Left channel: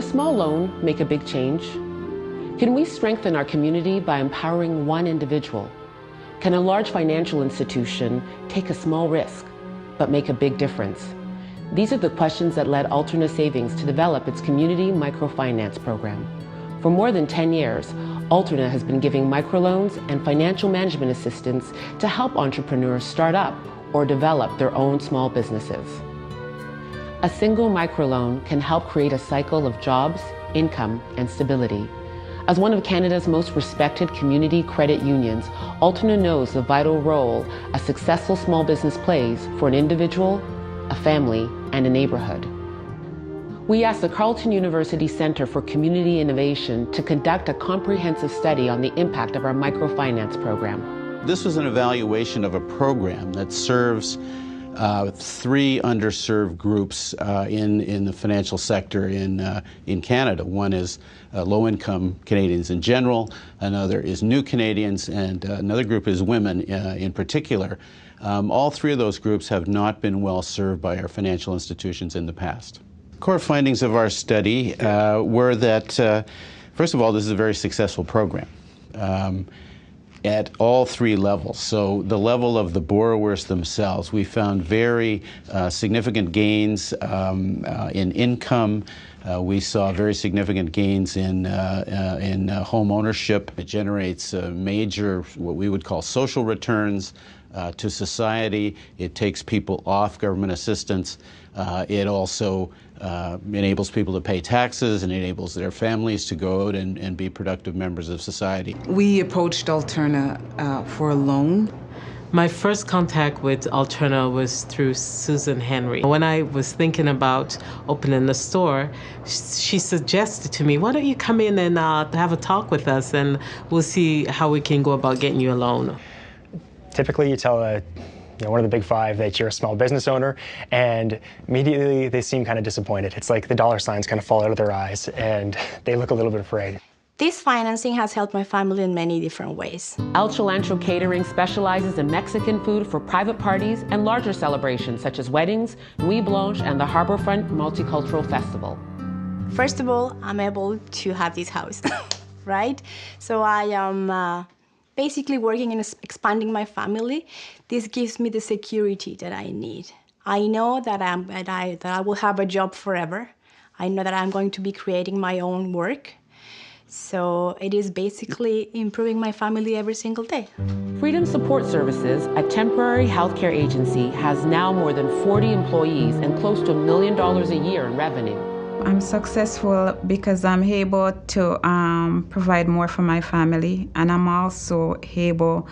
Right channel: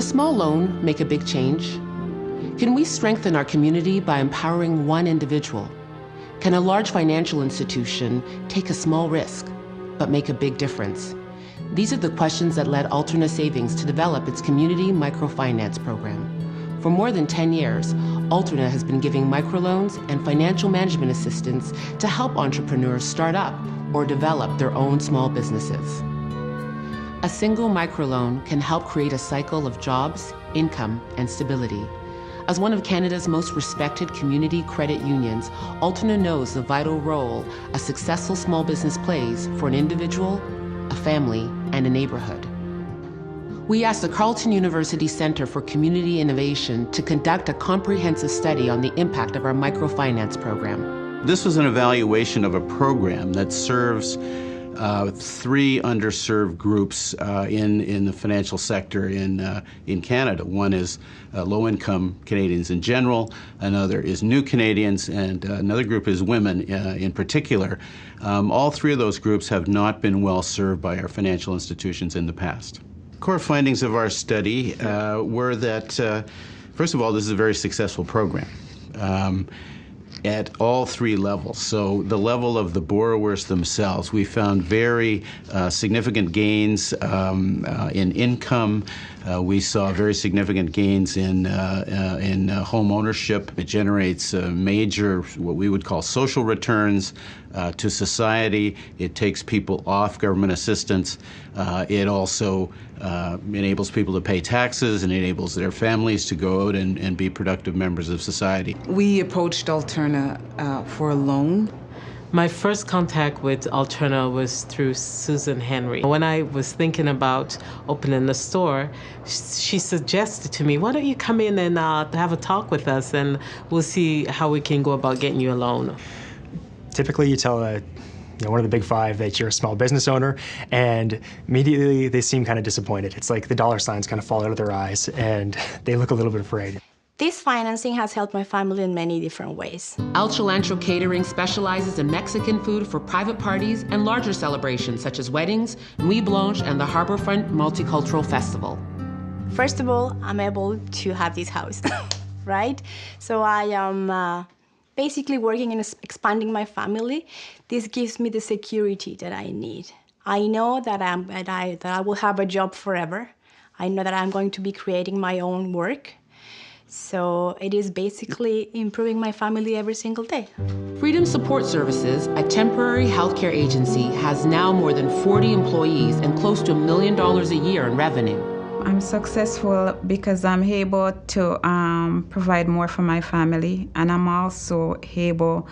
a small loan make a big change? Can we strengthen our community by empowering one individual? Can a large financial institution take a small risk, but make a big difference? These are the questions that led Alterna Savings to develop its community microfinance program. For more than 10 years, Alterna has been giving microloans and financial management assistance to help entrepreneurs start up or develop their own small businesses. A single microloan can help create a cycle of jobs, income, and stability. As one of Canada's most respected community credit unions, Alterna knows the vital role a successful small business plays for an individual, a family, and a neighborhood. We asked the Carleton University Centre for Community Innovation to conduct a comprehensive study on the impact of our microfinance program. This was an evaluation of a program that serves three underserved groups in the financial sector in Canada. One is low-income Canadians in general, another is new Canadians, and another group is women in particular. All three of those groups have not been well served by our financial institutions in the past. Core findings of our study were that, first of all, this is a very successful program. At all three levels. So the level of the borrowers themselves, we found very significant gains in income. We saw very significant gains in home ownership. It generates major, what we would call social returns to society. It takes people off government assistance. It also enables people to pay taxes and enables their families to go out and be productive members of society. We approached Alterna for a loan. My first contact with Alterna was through Susan Henry. When I was thinking about opening the store, she suggested to me, why don't you come in and have a talk with us and we'll see how we can go about getting you a loan. Typically you tell one of the big five that you're a small business owner, and immediately they seem kind of disappointed. It's like the dollar signs kind of fall out of their eyes and they look a little bit afraid. This financing has helped my family in many different ways. El Cilantro Catering specializes in Mexican food for private parties and larger celebrations such as weddings, Nuit Blanche, and the Harborfront Multicultural Festival. First of all, I'm able to have this house, right? So I am basically working in expanding my family. This gives me the security that I need. I know that I will have a job forever. I know that I'm going to be creating my own work. So it is basically improving my family every single day. Freedom Support Services, a temporary healthcare agency, has now more than 40 employees and close to $1 million a year in revenue. I'm successful because I'm able to provide more for my family, and I'm also able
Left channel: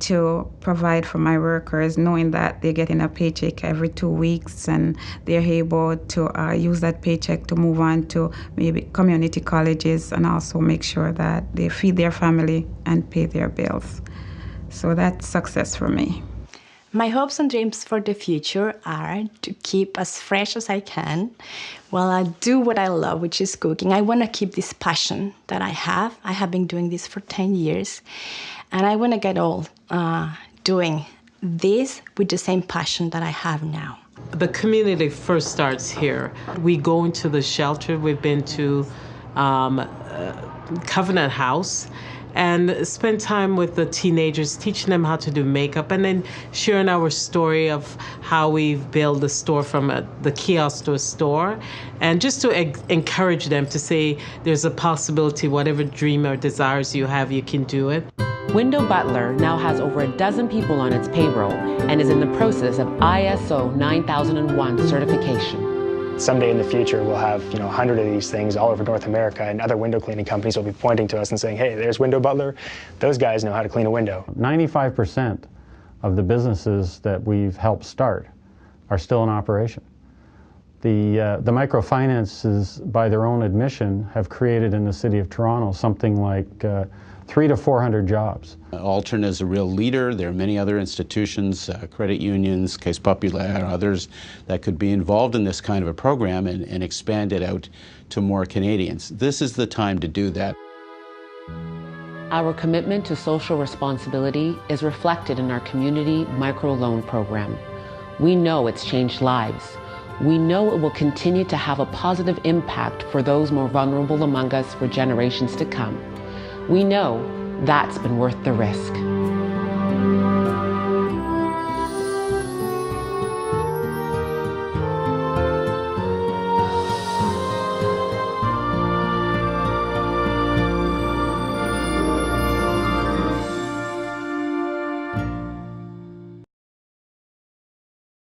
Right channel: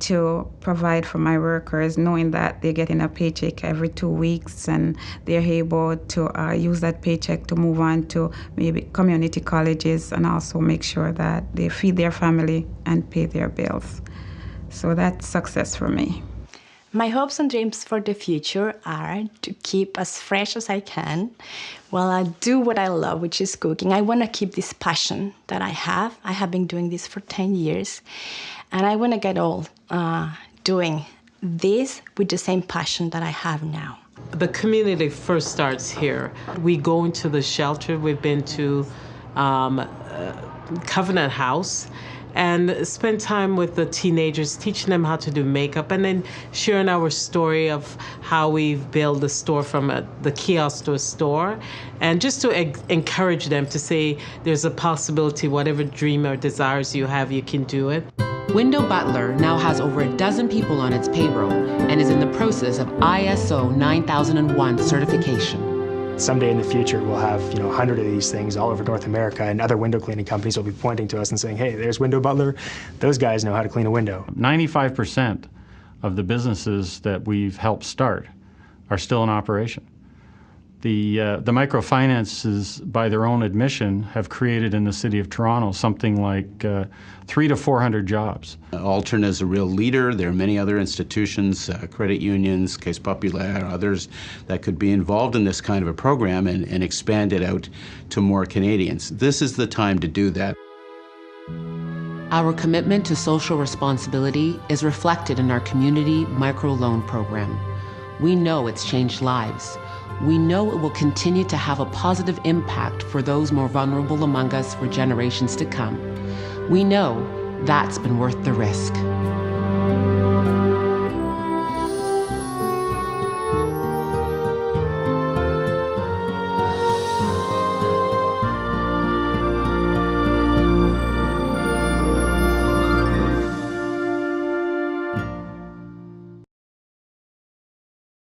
to provide for my workers, knowing that they're getting a paycheck every 2 weeks and they're able to use that paycheck to move on to maybe community colleges and also make sure that they feed their family and pay their bills. So that's success for me. My hopes and dreams for the future are to keep as fresh as I can while I do what I love, which is cooking. I want to keep this passion that I have. I have been doing this for 10 years, and I want to get old doing this with the same passion that I have now. The community first starts here. We go into the shelter. We've been to Covenant House and spend time with the teenagers, teaching them how to do makeup, and then sharing our story of how we've built the store from the kiosk to a store, and just to encourage them to say there's a possibility, whatever dream or desires you have, you can do it. Window Butler now has over a dozen people on its payroll and is in the process of ISO 9001 certification. Someday in the future, we'll have 100 of these things all over North America, and other window cleaning companies will be pointing to us and saying, hey, there's Window Butler. Those guys know how to clean a window. 95% of the businesses that we've helped start are still in operation. The microfinances, by their own admission, have created in the city of Toronto something like 300 to 400 jobs. Alterna is a real leader. There are many other institutions, credit unions, Caisse Populaire, others that could be involved in this kind of a program and expand it out to more Canadians. This is the time to do that. Our commitment to social responsibility is reflected in our community microloan program. We know it's changed lives. we know it will continue to have a positive impact for those more vulnerable among us for generations to come. We know that's been worth the risk.